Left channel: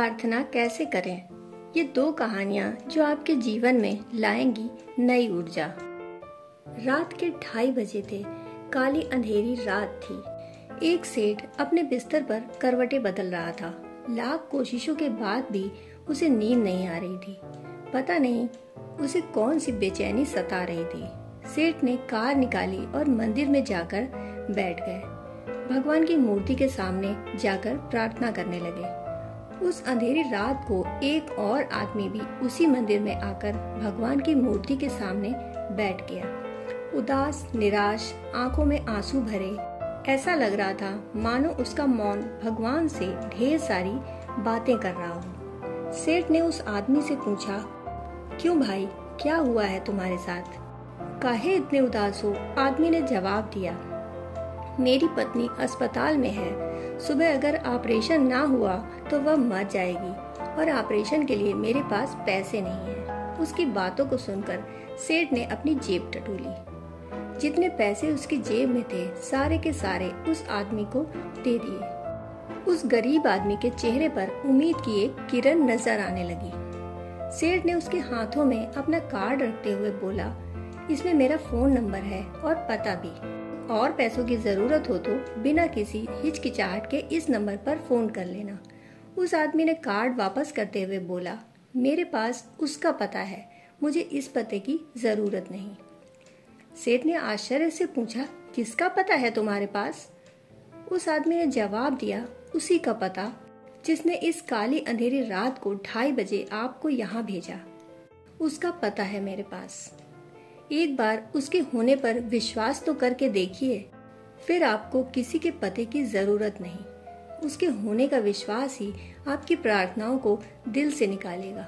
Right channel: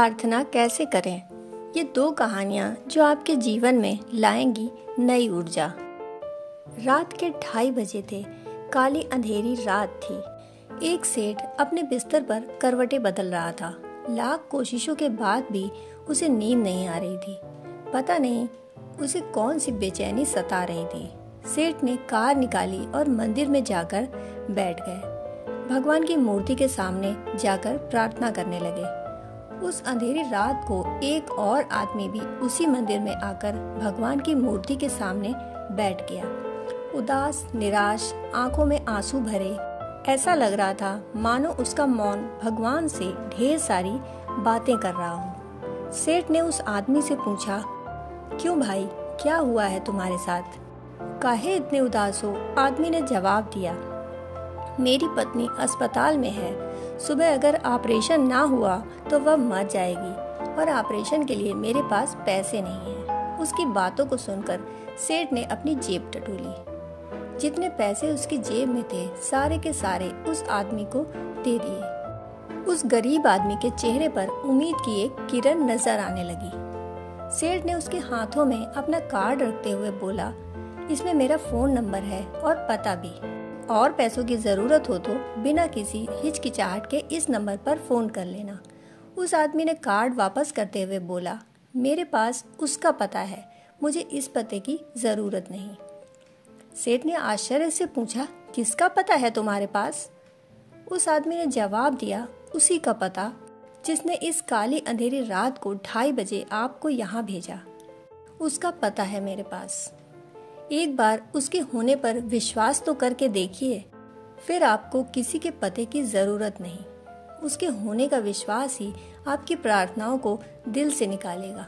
प्रार्थना कैसे करें? ये दो कहानियाँ जो आपके जीवन में लाएंगी नई ऊर्जा। रात के 2:30 बजे थे। काली अंधेरी रात थी। एक सेठ अपने बिस्तर पर करवटें बदल रहा था। लाख कोशिशों के बाद भी उसे नींद नहीं आ रही थी। पता नहीं उसे कौन सी बेचैनी सता रही थी। सेठ ने कार निकाली और मंदिर में जाकर बैठ गए। भगवान की मूर्ति के सामने जाकर प्रार्थना करने लगे। उस अंधेरी रात को एक और आदमी भी उसी मंदिर में आकर भगवान की मूर्ति के सामने बैठ गया। उदास, निराश, आंखों में आंसू भरे। ऐसा लग रहा था मानो उसका मौन भगवान से ढेर सारी बातें कर रहा हो। सेठ ने उस आदमी से पूछा, क्यों भाई, क्या हुआ है तुम्हारे साथ? काहे इतने उदास हो? आदमी ने जवाब दिया, मेरी पत्नी अस्पताल में है। सुबह अगर ऑपरेशन ना हुआ तो वह मर जाएगी और ऑपरेशन के लिए मेरे पास पैसे नहीं हैं। उसकी बातों को सुनकर सेठ ने अपनी जेब टटोली। जितने पैसे उसकी जेब में थे सारे के सारे उस आदमी को दे दिए। उस गरीब आदमी के चेहरे पर उम्मीद की एक किरण नजर आने लगी। सेठ ने उसके हाथों में अपना कार्ड रखते हुए बोला, इसमें मेरा फोन नंबर है और पता भी। और पैसों की जरूरत हो तो बिना किसी हिचकिचाहट के इस नंबर पर फोन कर लेना। उस आदमी ने कार्ड वापस करते हुए बोला, मेरे पास उसका पता है, मुझे इस पते की जरूरत नहीं। सेठ ने आश्चर्य से पूछा, किसका पता है तुम्हारे पास? उस आदमी ने जवाब दिया, उसी का पता जिसने इस काली अंधेरी रात को 2:30 बजे आपको यहाँ भेजा। उसका पता है मेरे पास। एक बार उसके होने पर विश्वास तो करके देखिए, फिर आपको किसी के पते की जरूरत नहीं। उसके होने का विश्वास ही आपकी प्रार्थनाओं को दिल से निकालेगा।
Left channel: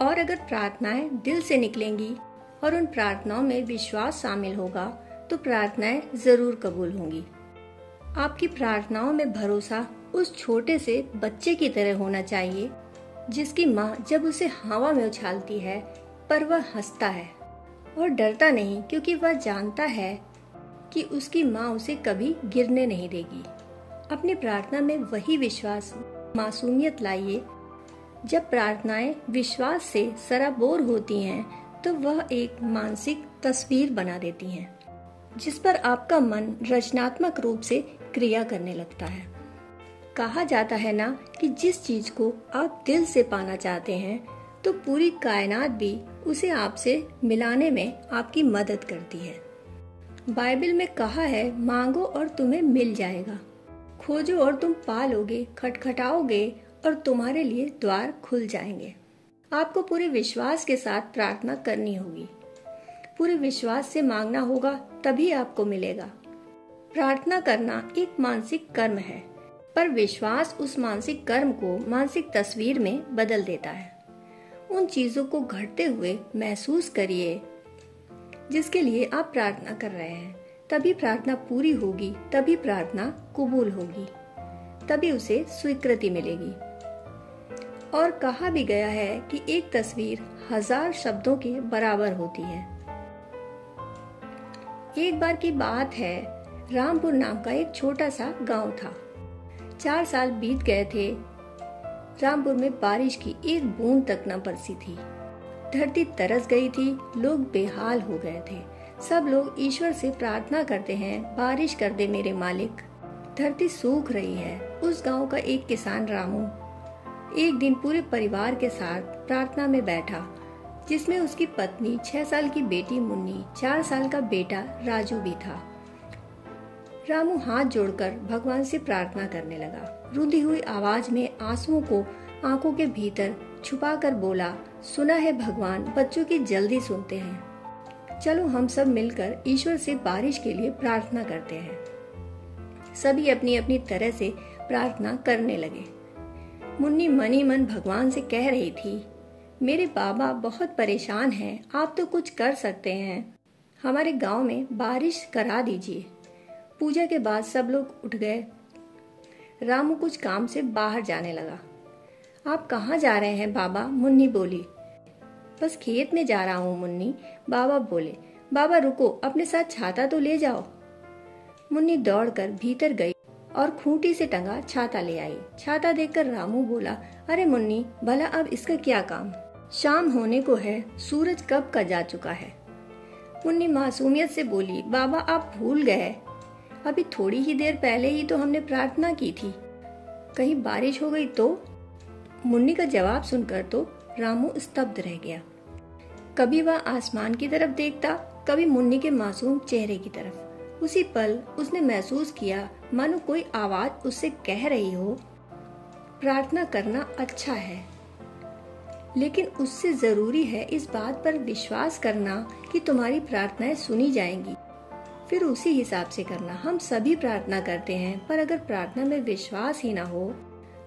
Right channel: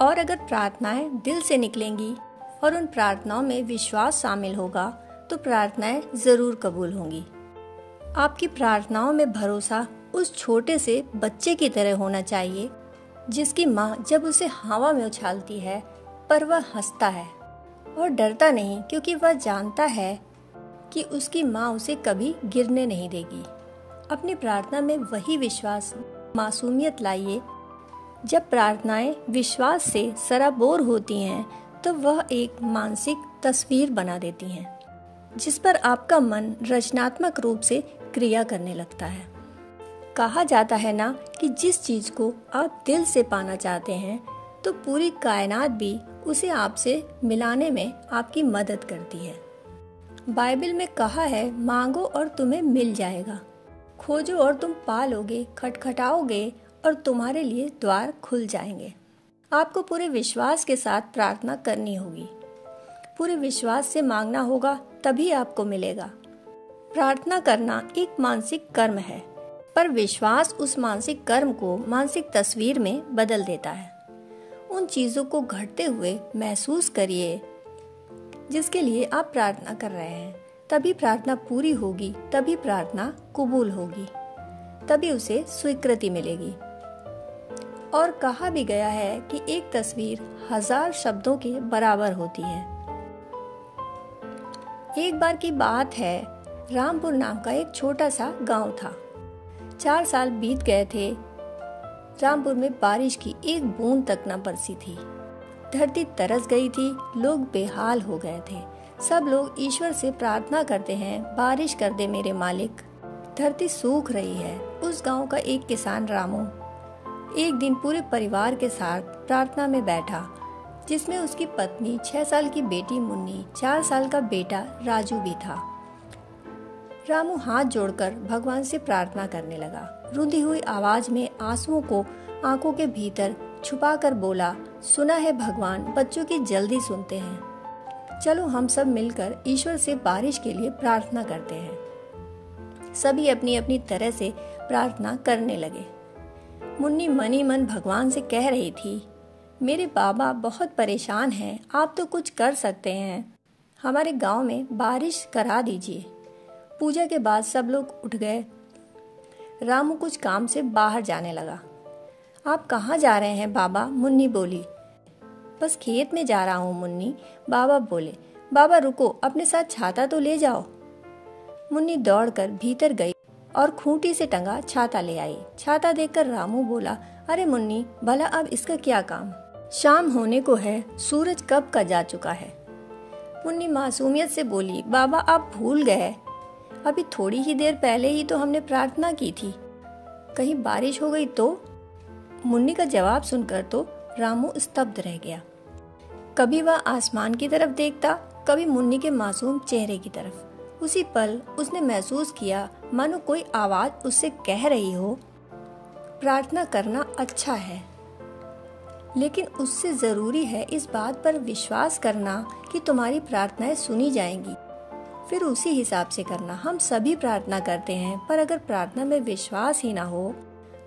और अगर प्रार्थनाएं दिल से निकलेंगी और उन प्रार्थनाओं में विश्वास शामिल होगा तो प्रार्थनाएं जरूर कबूल होंगी। आपकी प्रार्थनाओं में भरोसा उस छोटे से बच्चे की तरह होना चाहिए जिसकी माँ जब उसे हवा में उछालती है पर वह हंसता है और डरता नहीं, क्योंकि वह जानता है कि उसकी माँ उसे कभी गिरने नहीं देगी। अपनी प्रार्थना में वही विश्वास, मासूमियत लाइए। जब प्रार्थनाएं विश्वास से सराबोर होती हैं तो वह एक मानसिक तस्वीर बना देती हैं जिस पर आपका मन रचनात्मक रूप से क्रिया करने लगता है। कहा जाता है ना कि जिस चीज को आप दिल से पाना चाहते हैं तो पूरी कायनात भी उसे आपसे मिलाने में आपकी मदद करती है। बाइबल में कहा है, मांगो और तुम्हें मिल जाएगा, खोजो और तुम पालोगे, खटखटाओगे और तुम्हारे लिए द्वार खुल जाएंगे। आपको पूरे विश्वास के साथ प्रार्थना करनी होगी। पूरे विश्वास से मांगना होगा, तभी आपको मिलेगा। प्रार्थना करना एक मानसिक कर्म है, पर विश्वास उस मानसिक कर्म को मानसिक तस्वीर में बदल देता है। उन चीजों को घटते हुए महसूस करिए जिसके लिए आप प्रार्थना कर रहे हैं। तभी प्रार्थना पूरी होगी, तभी प्रार्थना कबूल होगी, तभी उसे स्वीकृति मिलेगी। और कहा भी गया है कि एक तस्वीर 1000 शब्दों के बराबर होती है। एक बार की बात है, रामपुर नाम का एक छोटा सा गांव था। 4 साल बीत गए थे। रामपुर में बारिश की एक बूंद तक न बरसी थी। धरती तरस गई थी, लोग बेहाल हो गए थे। सब लोग ईश्वर से प्रार्थना करते हैं, बारिश कर दे मेरे मालिक, धरती सूख रही है। उस गांव का एक किसान रामू एक दिन पूरे परिवार के साथ प्रार्थना में बैठा, जिसमें उसकी पत्नी, 6 साल की बेटी मुन्नी, 4 साल का बेटा राजू भी था। रामू हाथ जोड़कर भगवान से प्रार्थना करने लगा। रुंधी हुई आवाज में आंसुओं को आंखों के भीतर छुपाकर बोला, सुना है भगवान, बच्चों की जल्दी सुनते हैं। चलो हम सब मिलकर ईश्वर से बारिश के लिए प्रार्थना करते हैं। सभी अपनी अपनी तरह से प्रार्थना करने लगे। मुन्नी मनी मन भगवान से कह रही थी, मेरे बाबा बहुत परेशान हैं, आप तो कुछ कर सकते हैं, हमारे गांव में बारिश करा दीजिए। पूजा के बाद सब लोग उठ गए। रामू कुछ काम से बाहर जाने लगा। आप कहाँ जा रहे हैं बाबा? मुन्नी बोली। बस खेत में जा रहा हूँ मुन्नी, बाबा बोले। बाबा रुको, अपने साथ छाता तो ले जाओ। मुन्नी दौड़कर भीतर गई और खूंटी से टंगा छाता ले आई। छाता देखकर रामू बोला, अरे मुन्नी, भला अब इसका क्या काम? शाम होने को है, सूरज कब का जा चुका है। मुन्नी मासूमियत से बोली, बाबा आप भूल गए, अभी थोड़ी ही देर पहले ही तो हमने प्रार्थना की थी, कहीं बारिश हो गई तो? मुन्नी का जवाब सुनकर तो रामू स्तब्ध रह गया। कभी वह आसमान की तरफ देखता, कभी मुन्नी के मासूम चेहरे की तरफ। उसी पल उसने महसूस किया मानो कोई आवाज उससे कह रही हो, प्रार्थना करना अच्छा है, लेकिन उससे जरूरी है इस बात पर विश्वास करना कि तुम्हारी प्रार्थनाएं सुनी जाएंगी, फिर उसी हिसाब से करना। हम सभी प्रार्थना करते हैं, पर अगर प्रार्थना में विश्वास ही ना हो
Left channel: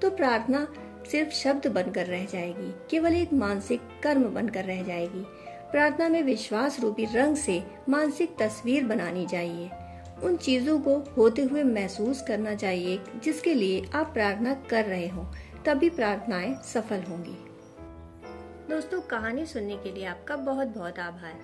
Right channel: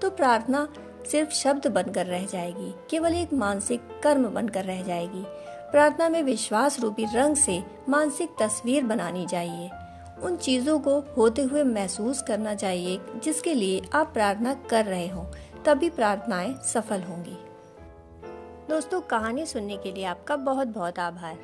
तो प्रार्थना सिर्फ शब्द बनकर रह जाएगी, केवल एक मानसिक कर्म बनकर रह जाएगी। प्रार्थना में विश्वास रूपी रंग से मानसिक तस्वीर बनानी चाहिए। उन चीजों को होते हुए महसूस करना चाहिए जिसके लिए आप प्रार्थना कर रहे हो, तभी प्रार्थनाएं सफल होंगी। दोस्तों, कहानी सुनने के लिए आपका बहुत बहुत आभार।